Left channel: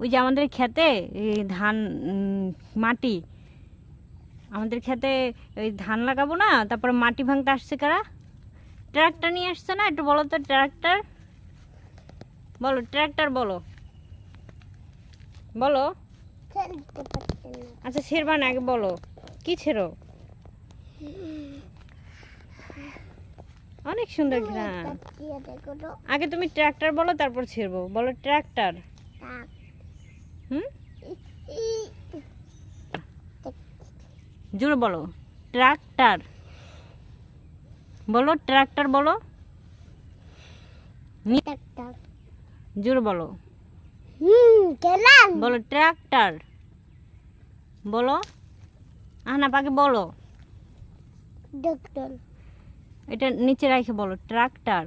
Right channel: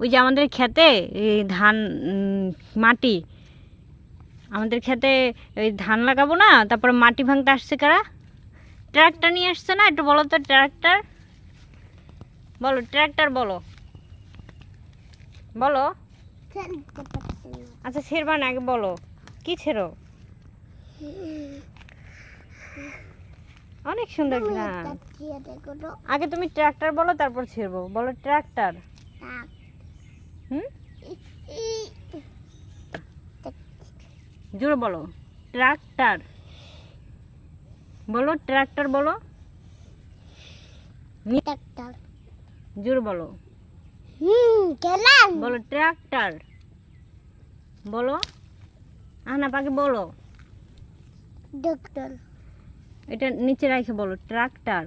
ওই যে আমাদের ক্ষেতে এই ধান মাটি আমাদের ক্ষেতে ওই ধান লাগাবো না, তারপর মাটি ভাঙতে আসছে কারা? ট্রাক্টর নিয়ে আসছে না? একটু বলো তো, ট্রাক্টর বলো, ট্রাক্টর বলো, বলো। আচ্ছা ছেড়বা না, আগে বলো কি ছেড়ো। অনেক সুন্দর ঘ্রাণ। আগে তুমি ট্রাক্টর বলো, তারপর ছেড়বো। বলো ট্রাক্টর। জোরে বলো ট্রাক্টর। বলো ট্রাক্টর বলো, জোরে বলো। বলো ট্রাক্টর বলো। আহনা পাখি বলো। এটা নিচে রাখে বলো ট্রাক্টর।